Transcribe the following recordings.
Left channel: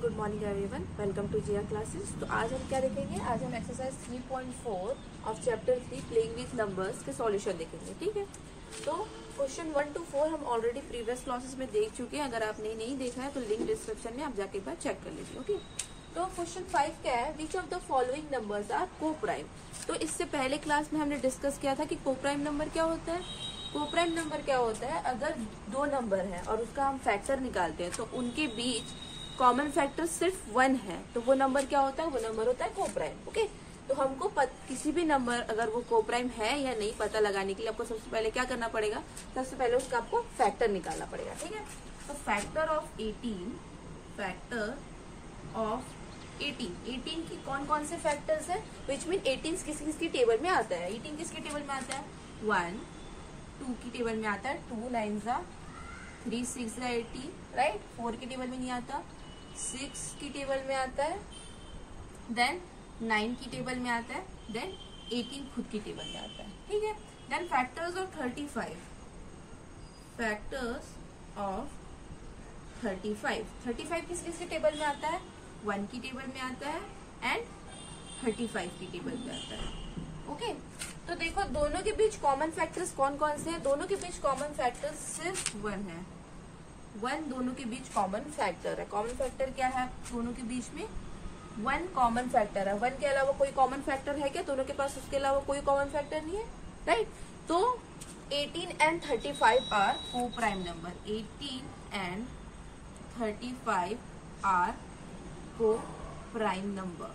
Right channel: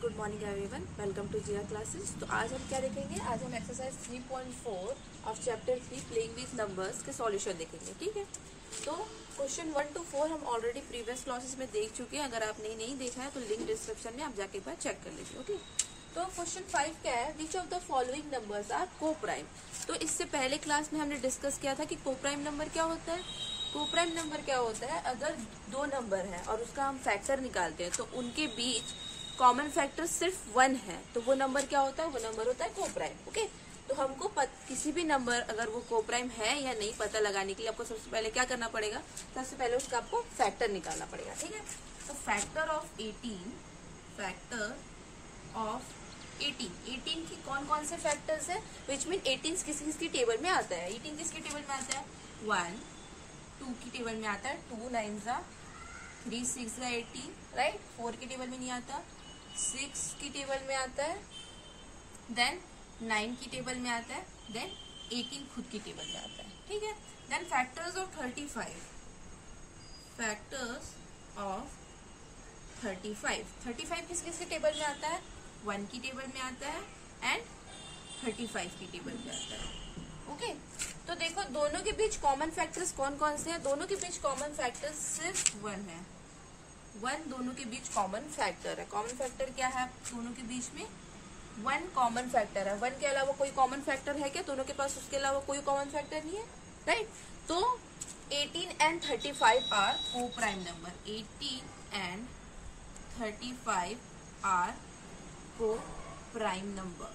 Good morning everyone, welcome to Jiya classes. तो आज हम क्या देखेंगे? आज हम exercise 3.4 of chapter 3 playing with numbers के सॉल्यूशन देखेंगे। ठीक है, तो क्वेश्चन 1 to 4 हम ऑलरेडी प्रीवियस क्लासेस में देख चुके हैं। अगर आपने नहीं देखा है तो लिंक डिस्क्रिप्शन में आप जाके एक बार चेक कर लीजिए। ओके, तो क्वेश्चन 5 क्या है? Which of the following numbers are को प्राइम। तो इससे पहले क्लास में हमने डिस्कस किया था कि को प्राइम नंबर क्या होता है। को प्राइम नंबर क्या होता है? अगर दो नंबर है और उसका हम फैक्टर निकालते हैं तो उनके बीच कॉमन फैक्टर सिर्फ 1 है, तो वो नंबर क्या होता है? वो नंबर होता है को प्राइम। ओके, तो हमको किसी भी नंबर अगर वो को प्राइम है या नहीं पता लगाने के लिए आपको सबसे पहले क्या करना पड़ेगा? सबसे पहले उसका आपको फैक्टर निकालना पड़ेगा। ठीक है, तो फैक्टर ऑफ 18 की कौन कौन से फैक्टर्स है? विच मीन 18 किसकी टेबल में आता है? 18 किसकी टेबल में आता है? 1 2 की टेबल में आता है, 2 9 3 6 18, राइट। 4 की टेबल में नहीं आता, 6 की टेबल में आता है, देन 9 की टेबल में आता है, देन 18 खुद की टेबल में आता है। ठीक है, देन फैक्टर्स ऑफ 35 किसकी टेबल में आता है? 1 की टेबल में आता है एंड 35 की टेबल में आता है। ओके, तो देखो दोनों के बीच कॉमन फैक्टर्स कौन कौन से हैं? दोनों के बीच कॉमन फैक्टर सिर्फ 1 है। 1 दोनों के बीच कॉमन फैक्टर है। कॉमन फैक्टर क्या है? दोनों के बीच में 1 कॉमन फैक्टर है। 1 के अलावा कोई कॉमन फैक्टर है क्या? दोनों के पास उसके अलावा कोई कॉमन फैक्टर नहीं है, राइट। तो 18 and 35 आर को प्राइम नंबर। 18 and 35 आर को प्राइम नंबर।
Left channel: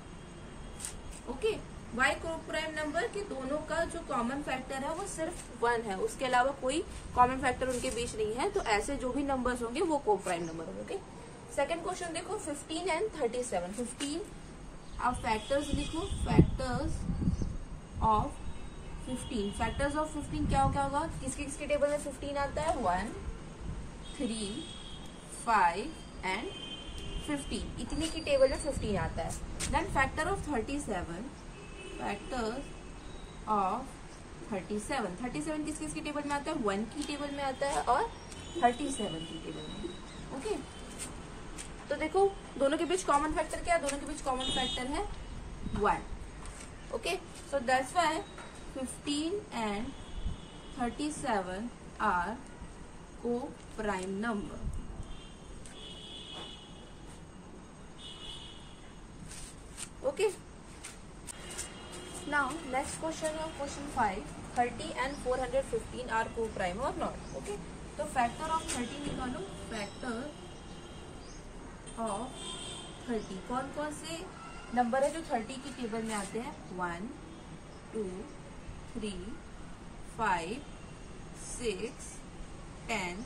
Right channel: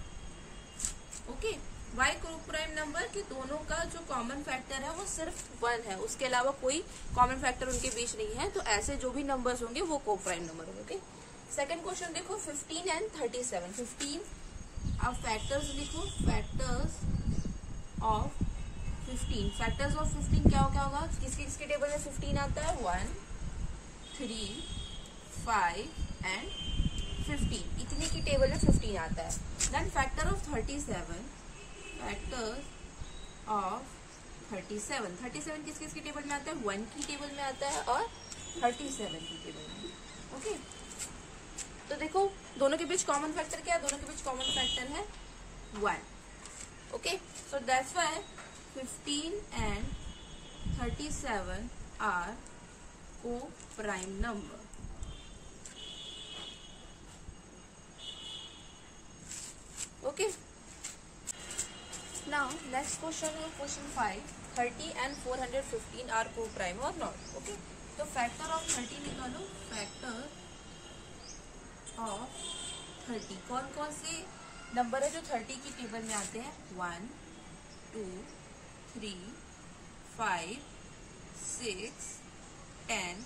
ओके, वाई को प्राइम नंबर? कि दोनों का जो कॉमन फैक्टर है वो सिर्फ 1 है, उसके अलावा कोई कॉमन फैक्टर उनके बीच नहीं है। तो ऐसे जो भी नंबर्स होंगे वो को प्राइम नंबर होंगे। ओके, सेकंड क्वेश्चन देखो, 15 and 37। 15 आप फैक्टर्स लिखो, फैक्टर्स ऑफ 15 क्या होगा? किसकी टेबल में 15 आता है? 1 3 5 एंड 15, इतनी की टेबल में 15 आता है। देन फैक्टर ऑफ 37 किसकी टेबल में आता है? 1 की टेबल में आता है और 37 की टेबल में। ओके, तो देखो दोनों के बीच कॉमन फैक्टर क्या है? दोनों के बीच कॉमन फैक्टर है 1। Okay, so that's why 15 and 37 are को prime number. Okay, now next question है question 5, 30 and 415 are co-prime or not? Okay, तो factor of 30 निकालो। factor of 30 कौन कौन से नंबर है जो 30 की टेबल में आते हैं? 1 2 3 5 6 10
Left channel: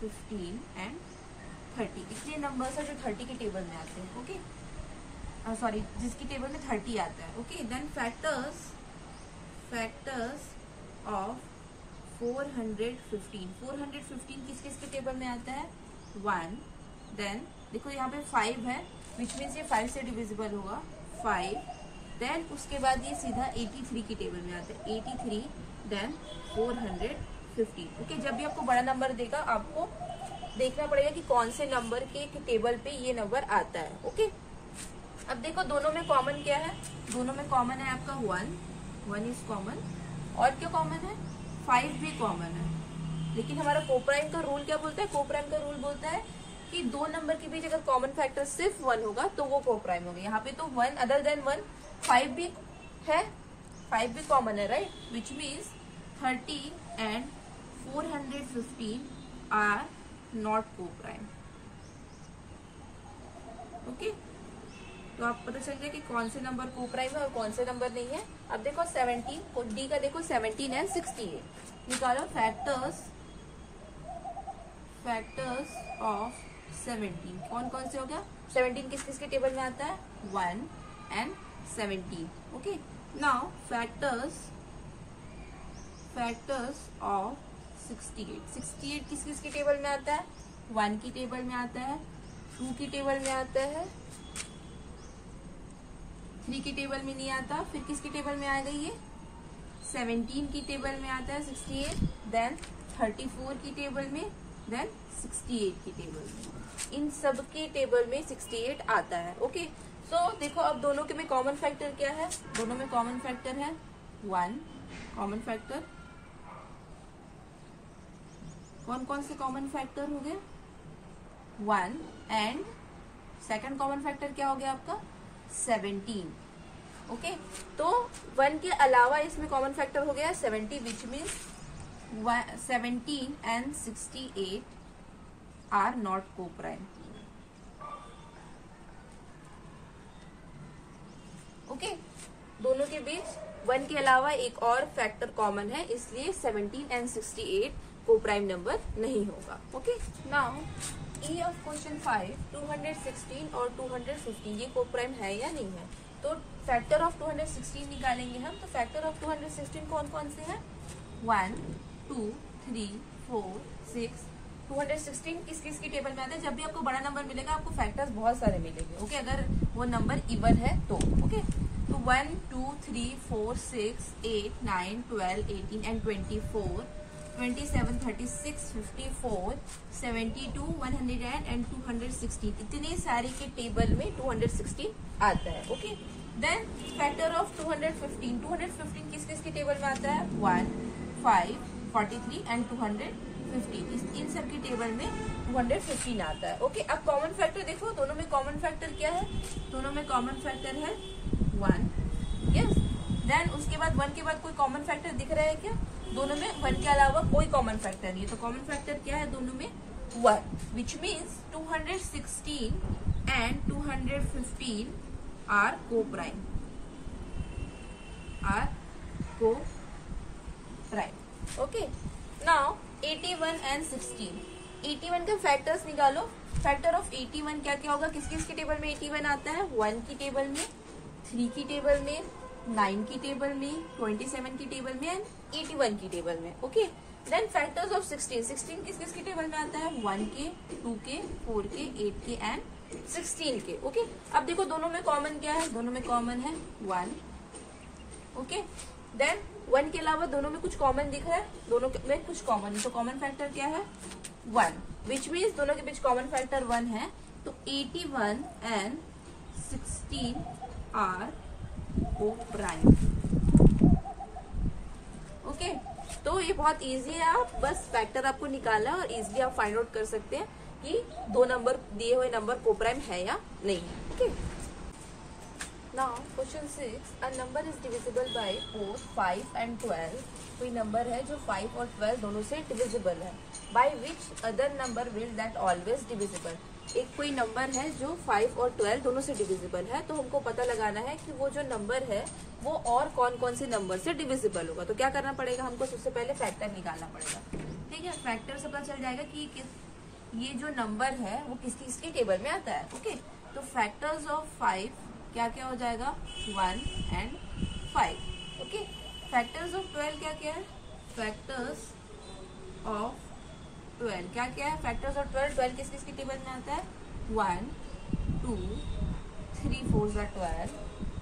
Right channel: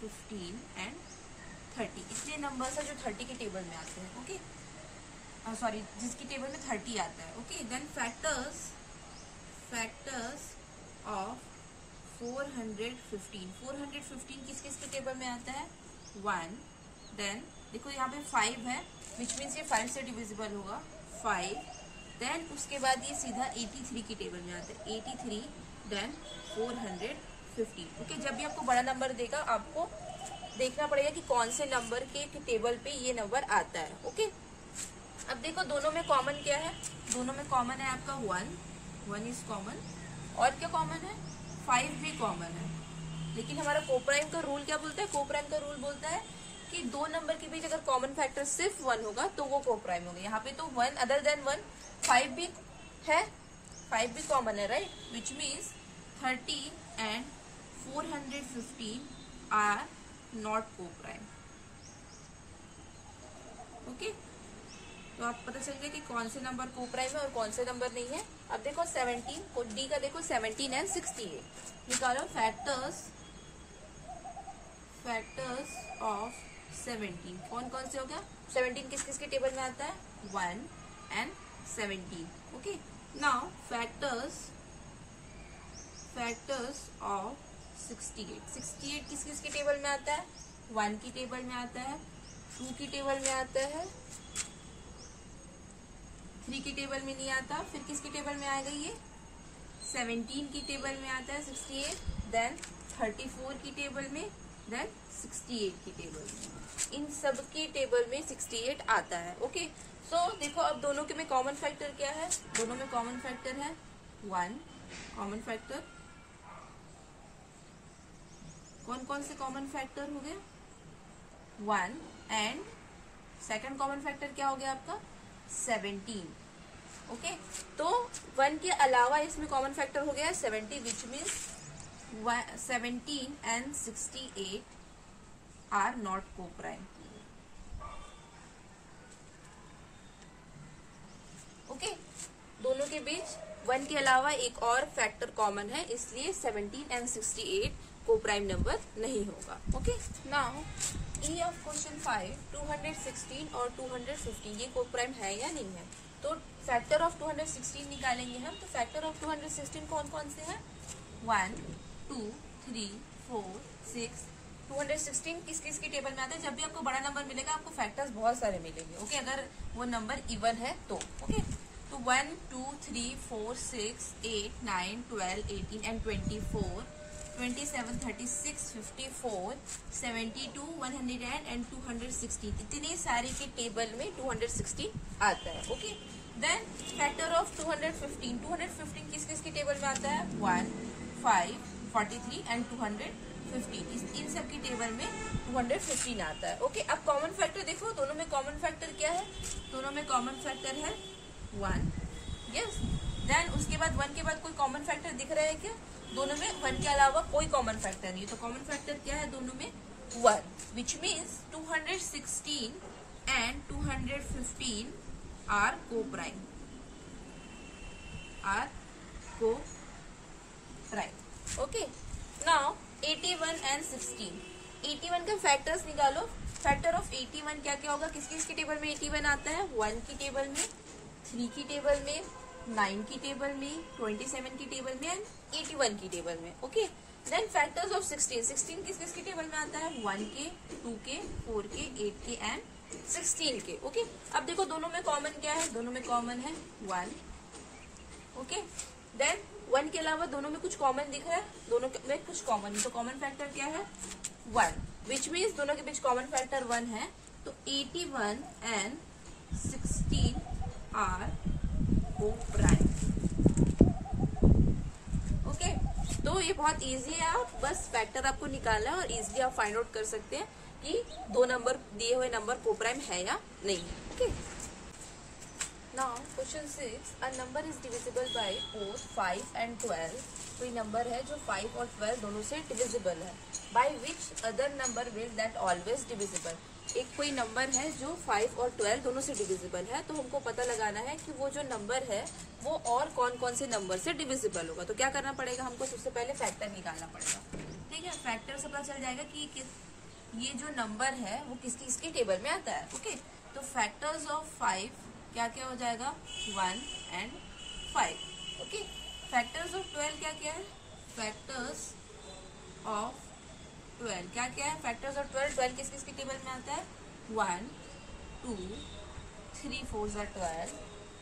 15 एंड 30, इसलिए नंबर्स है जो 30 की टेबल में आते हैं। ओके, सॉरी, जिसकी टेबल में 30 आता है। ओके, देन फैक्टर्स ऑफ 415 किसकी टेबल में आता है? 1, देन देखो यहाँ पे 5 है, विच मीन्स ये 5 से डिविजिबल होगा, 5, देन उसके बाद ये सीधा 83 की टेबल में आता है, 83, देन 415। ओके, जब भी आपको बड़ा नंबर देगा आपको देखना पड़ेगा कि कौन से नंबर के टेबल पे ये नंबर आता है। ओके, अब देखो दोनों में कॉमन क्या है? दोनों में कॉमन है आपका 1 इज कॉमन, और क्या कॉमन है? 5 भी कॉमन है। लेकिन हमारा कोप्राइम का रूल क्या बोलता है? कोप्राइम का रूल बोलता है कि दो नंबर के बीच अगर कॉमन फैक्टर सिर्फ 1 होगा तो वो कोप्राइम होगा। यहाँ पे तो 1 अदर देन 1 5 भी है, 5 भी कॉमन है, right, which means 30 and 415 are not coprime. Okay, तो आप पता चल जाए कि कौन से नंबर को प्राइम है और कौन से नंबर नहीं है। अब देखो 17 डी का देखो, 17 and 68 निकालो। फैक्टर्स ऑफ 17 कौन कौन से हो गया? 17 किसकी टेबल में आता है? 1 and 17। Okay, now factors of 68 किसकी टेबल में आता है? 1 की टेबल में आता है, 2 की टेबल में आता है, 3 की टेबल में नहीं आता, फिर किसकी टेबल में आ गई? ये 17 की टेबल में आता है 68, देन 34 की टेबल में, देन 68 की टेबल में, इन सब के टेबल में 68 आता है। ओके, सो देखो अब दोनों के में कॉमन फैक्टर क्या है, दोनों में कॉमन फैक्टर है 1, कॉमन फैक्टर, कौन कौन से कॉमन फैक्टर हो गए 1, एंड सेकंड कॉमन फैक्टर क्या हो गया आपका 17। ओके, तो 1 के अलावा इसमें कॉमन फैक्टर हो गया 70, विच मीन्स 17 एंड 68 are not coprime. Okay, दोनों के बीच 1 के अलावा एक और फैक्टर कॉमन है, इसलिए 17 एंड 68 को प्राइम नंबर नहीं होगा। Okay, now E of question 5, 216 और 215 ये को प्राइम है या नहीं है। तो फैक्टर ऑफ 216 निकालेंगे हम, तो फैक्टर ऑफ 216 कौन कौन से हैं 1, 2, 3, 4, 6। 216 किस किस की टेबल में आते हैं, जब भी आपको बड़ा नंबर मिलेगा आपको फैक्टर्स बहुत सारे मिलेंगे। ओके, अगर वो नंबर इवन है तो। ओके, तो 1, 2, 3, 4, 6, 8, 9, 12, 18 एंड 24, 27, 36, 54, 72, 100 एंड 216, इतने सारे के टेबल में 216 आता है। ओके, देन फैक्टर ऑफ 215, 215 किस किस की टेबल में आता है 1, 5, 43 एंड 215, इन सब की टेबल में 215 आता है। ओके, अब कॉमन फैक्टर देखो, दोनों में कॉमन फैक्टर क्या है, दोनों में कॉमन फैक्टर है 1। यस, देन उसके बाद 1 के बाद कोई कॉमन फैक्टर दिख रहा है क्या, दोनों में 1 के अलावा कोई कॉमन फैक्टर नहीं है, तो कॉमन फैक्टर क्या है दोनों में 1, विच मीन्स 216 एंड 215 आर को प्राइम, आर को प्राइम। ओके, नाउ 81 एंड 16, 81 का फैक्टर्स निकालो। फैक्टर ऑफ 81 क्या क्या होगा, किस किस की टेबल में 81 आता है 1 की टेबल में, 3 की टेबल में, 9 की टेबल में, 27 की टेबल में एंड 81 की टेबल में। ओके, देन फैक्टर्स ऑफ 16, 16 किस किस की टेबल में आता है 1 के, 2 के, 4 के, 8 के एंड 16 के। ओके, अब देखो दोनों में कॉमन क्या है, दोनों में कॉमन है 1। ओके, देन 1 के अलावा दोनों में कुछ कॉमन दिख रहा है, दोनों में कुछ कॉमन है, तो कॉमन फैक्टर क्या है 1, विच मीन्स दोनों के बीच कॉमन फैक्टर 1 है, तो 81 एंड 16 आर को प्राइम। ओके, तो ये बहुत इजी है, आप बस फैक्टर आपको निकालना और इजीली आप फाइंड आउट कर सकते हैं कि दो नंबर दिए हुए नंबर को प्राइम है या नहीं है। Okay, now question 6, a number is divisible by 4, 5 and 12। कोई नंबर है जो 5 और 12 दोनों से डिविजिबल है, by which other number will that always divisible. एक कोई नंबर है जो 5 और 12 दोनों से डिविजिबल है, तो हमको पता लगाना है कि वो जो नंबर है वो और कौन कौन से नंबर से डिविजिबल होगा। तो क्या करना पड़ेगा, हमको सबसे पहले फैक्टर निकालना पड़ेगा। ठीक है, फैक्टर से पता चल जाएगा कि ये जो नंबर है वो किस किसकी टेबल में आता है। ओके, तो फैक्टर्स ऑफ 5 क्या क्या हो जाएगा 1 एंड 5। ओके, फैक्टर्स ऑफ 12 क्या क्या है, फैक्टर्स ऑफ 12 क्या क्या है, फैक्टर्स ऑफ 12 किस किस की टेबल में आता है 1, 2, 3, 4 12,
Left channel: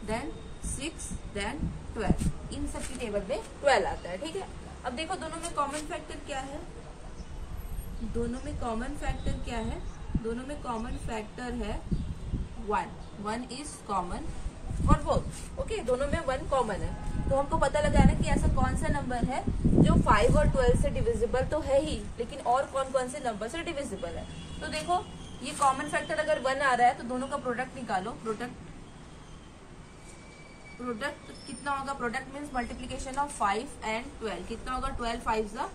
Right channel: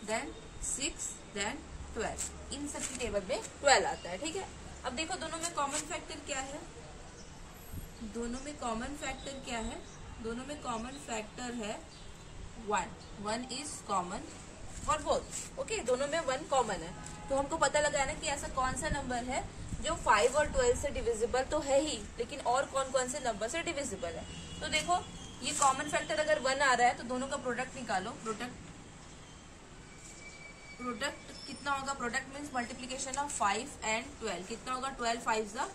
देन 6, देन 12, इन सब की टेबल में 12 आता है। ठीक है, अब देखो दोनों में कॉमन फैक्टर क्या है, दोनों में कॉमन फैक्टर क्या है, दोनों में कॉमन फैक्टर है 1 is common for both. Okay, दोनों में 1 कॉमन है, तो हमको पता लगाना कि ऐसा कौन सा नंबर है जो 5 और 12 से डिविजिबल तो है ही, लेकिन और कौन कौन से नंबर से डिविजिबल है। तो देखो ये कॉमन फैक्टर अगर 1 आ रहा है तो दोनों का प्रोडक्ट निकालो। प्रोडक्ट कितना होगा, product means multiplication of 5 and 12, कितना होगा 12 5 जा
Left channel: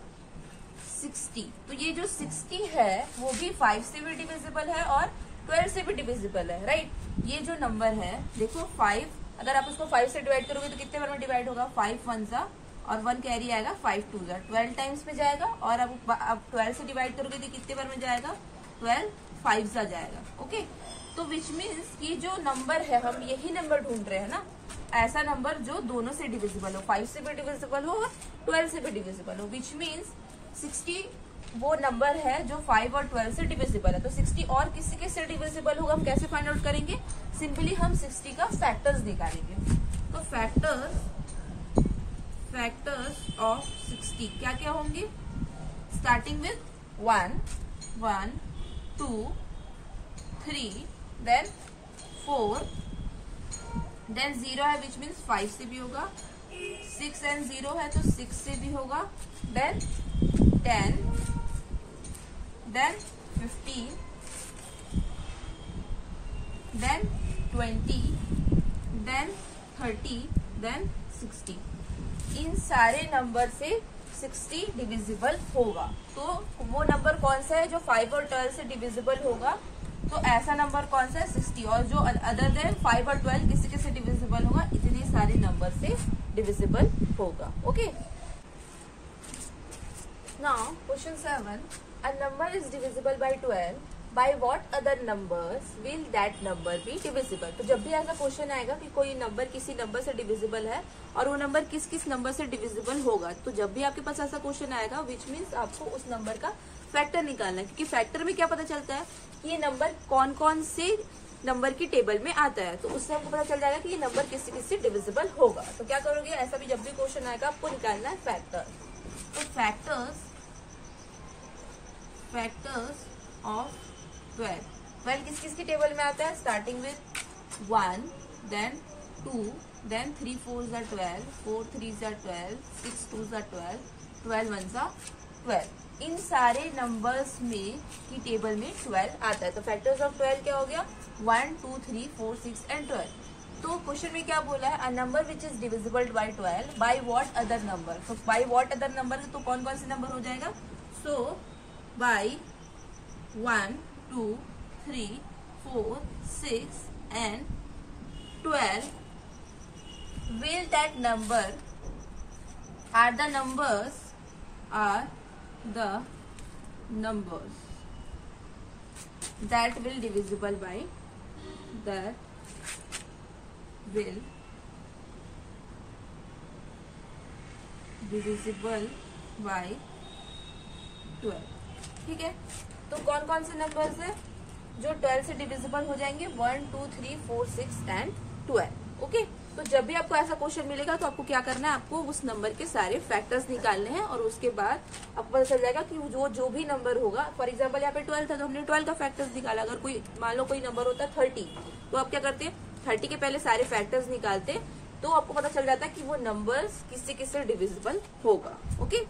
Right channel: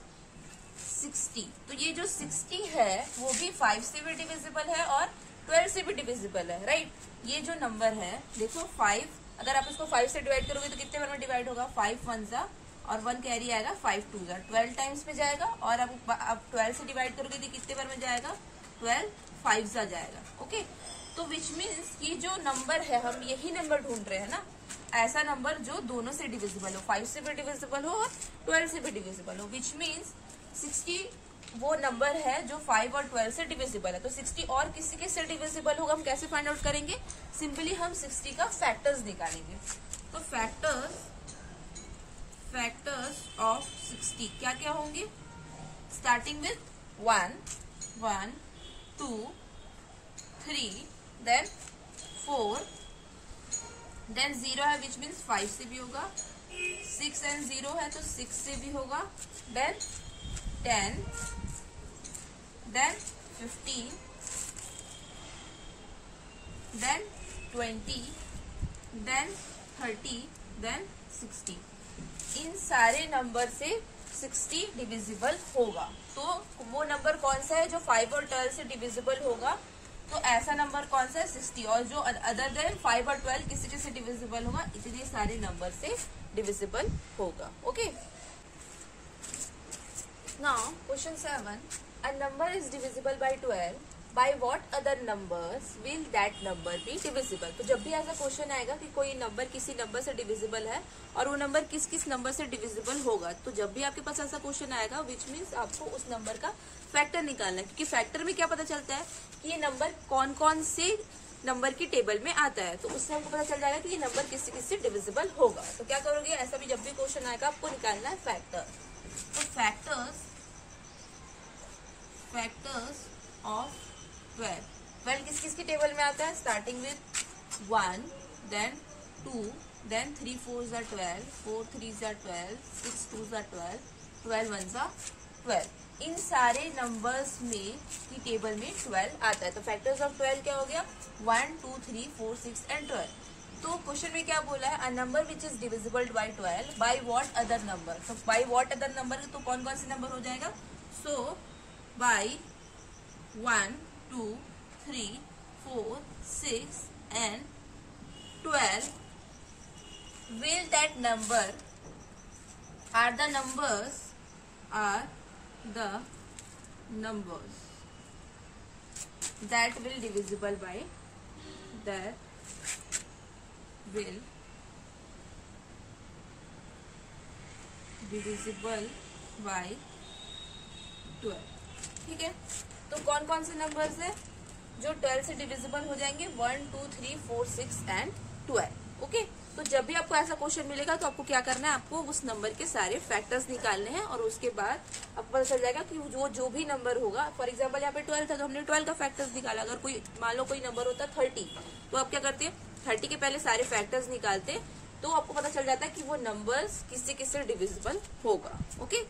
60। तो ये जो 60 है वो भी 5 से भी डिविजिबल है और 12 से भी डिविजिबल है, राइट। ये जो नंबर है देखो 5, अगर आप इसको 5 से डिवाइड करोगे तो कितने बार में डिवाइड होगा 5 1 जा और 1 कैरी आएगा 5 2 जा, 12 टाइम्स में जाएगा। और अब 12 से डिवाइड करोगे तो कितने बार में जाएगा 12 5 जा जाएगा। ओके, तो विच मीन्स ये जो नंबर है हम यही नंबर ढूंढ रहे हैं ना, ऐसा नंबर जो दोनों से डिविजिबल हो, 5 से भी डिविजिबल हो और 12 से भी डिविजिबल हो, विच मीन्स 60 वो नंबर है जो 5 और 12 से डिविजिबल है। तो 60 और किसी के से डिविजिबल होगा, हम कैसे फाइंड आउट करेंगे, सिंपली हम 60 का फैक्टर्स निकालेंगे। तो फैक्टर्स ऑफ 60 क्या क्या होंगे, स्टार्टिंग विथ 1, 1 2 3 देन 4 देन 0 है विच मीन्स 5 से भी होगा, 6 एंड 0 है तो 6 से भी होगा, then 10 then 15 then 20 then 30 then 60। इन सारे नंबर से 60 डिविजिबल होगा। तो वो नंबर कौन सा है जो 5 और 12 से डिविजिबल होगा? तो ऐसा नंबर कौन सा है? 60। और जो अदर देन 5 और 12 किसी किसी डिविजिबल होगा, इतने सारे नंबर से डिविजिबल होगा। Okay, now question 7, a number is divisible by 12, by what other numbers will that number be divisible. तो जब भी ऐसा क्वेश्चन आएगा कि कोई नंबर किसी नंबर से डिविजिबल है और वो नंबर किस किस नंबर से डिविजिबल होगा, तो जब भी आपके पास ऐसा क्वेश्चन आएगा विच मीन्स आपको उस नंबर का फैक्टर निकालना है, क्योंकि फैक्टर में क्या पता चलता है कि ये नंबर कौन कौन से नंबर की टेबल में आता है। तो उससे हमको पता चल जाएगा कि ये नंबर किसी किसी डिविजिबल होगा। तो क्या करोगे, ऐसा भी जब भी क्वेश्चन आएगा आपको निकालना है फैक्टर। तो फैक्टर्स ऑफ 12 किस किस की टेबल में आता है? Starting with 1 then 2 then 3 4 are 12, 4 3 are 12, 6 2 are 12, 12 1 are 12। इन सारे नंबर्स में की टेबल में 12 आता है। तो फैक्टर्स ऑफ 12 क्या हो गया? 1 2 3 4 6 एंड 12। तो क्वेश्चन में क्या बोला है? A number which is divisible by 12 by what other number. तो बाय व्हाट अदर नंबर तो कौन कौन से नंबर हो जाएगा? सो bye 1 2 3 4 6 and 12 will that number are the numbers that will divisible by 12। ठीक है, तो कौन कौन से नंबर्स है जो 12 से डिविजिबल हो जाएंगे? 1 2 3 4 6 एंड 12। ओके, तो जब भी आपको ऐसा क्वेश्चन मिलेगा तो आपको क्या करना है? आपको उस नंबर के सारे फैक्टर्स निकालने हैं और उसके बाद आपको पता चल जाएगा कि जो भी नंबर होगा, फॉर एग्जांपल यहाँ पे 12 था तो हमने 12 का फैक्टर्स निकाला। अगर कोई मान लो कोई नंबर होता है 30, तो आप क्या करते हैं? 30 के पहले सारे फैक्टर्स निकालते, तो आपको पता चल जाता है कि वो नंबर्स किससे किससे डिविजिबल होगा। ओके।